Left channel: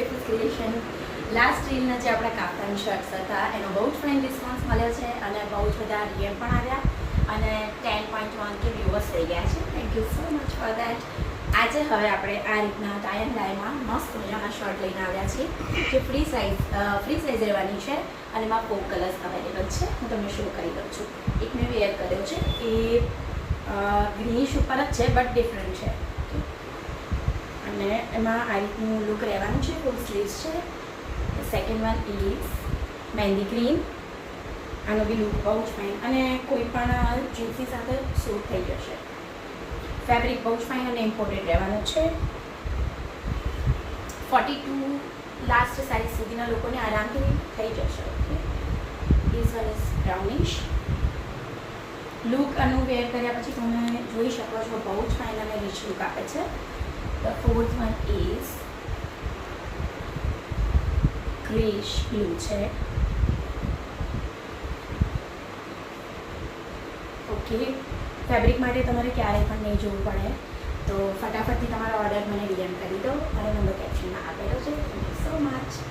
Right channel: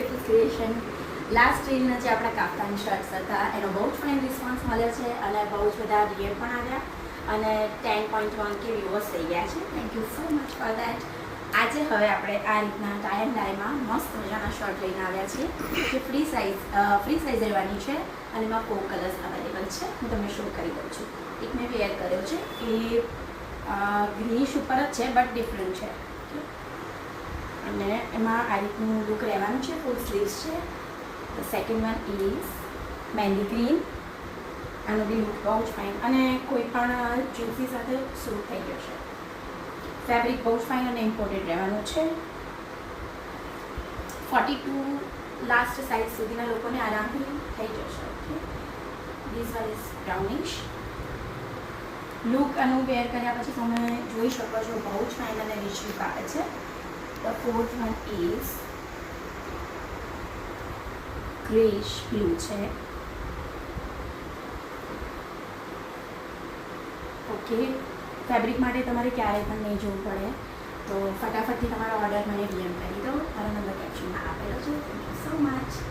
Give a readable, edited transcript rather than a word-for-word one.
કેફૂસ creation. Last રીલના જે આપણા કાફતાન shirts હતા એનો બહુ જ ફાઇન રિસ્પોન્સ મળ્યો છે અને બહુ જ બધા રિયલ પણ આવ્યા અને 10.1 કે વ્યૂઅર્સ થઈ ગયા છે. Thank you so much for that. આજે હવે આપણે આ રીતના ટાઈ એન્ડ ડાયમાં મસ્ત મજાના શર્ટ લઈને આવ્યા છીએ જે ફ્રી સાઇઝ રહેવાની છે અને એમાં 4 કલર્સ અવેલેબલ છે. હું તમને શો કરી દઉં છું. એક મેં વેર કર્યો છે એ ગ્રીનિશ ઉપર જ છે બટ ડિફરન્ટ છે અને એમાં આ રીતનું લુક રહેવાનું છે. ફૂલ સ્લીવ્સ છે. The second one is mehndi green. આનો બી લુક બહુ જ ફાઇન અને કોઈ પણ જીન્સી સાથે સૂટ થઈ જશે. ફેબ્રિક બહુ જ ફાઇન અને ઇમ્પોર્ટેડ રહેવાનું છે. 42 લાસ્ટ સાઇઝ સુધીના લોકોને આરામથી થઈ જશે. Okay, this one is brownish. Look આનું વેર કર્યા પછી તમે જોઈ શકો છો બહુ જ ફાઇન અને રીચ લુક આપે છે. The fourth one is ગ્રેશ blue છે. ઓકે, ફેબ્રિક માટે તમારે ક્યારેય પણ નહીં જોવું પડે તો ફટાફટથી તમારો ઓર્ડર મને ડીએમ કરી દો. મારો નંબર કેપ્શનમાં આપેલો છે. Thank you so much.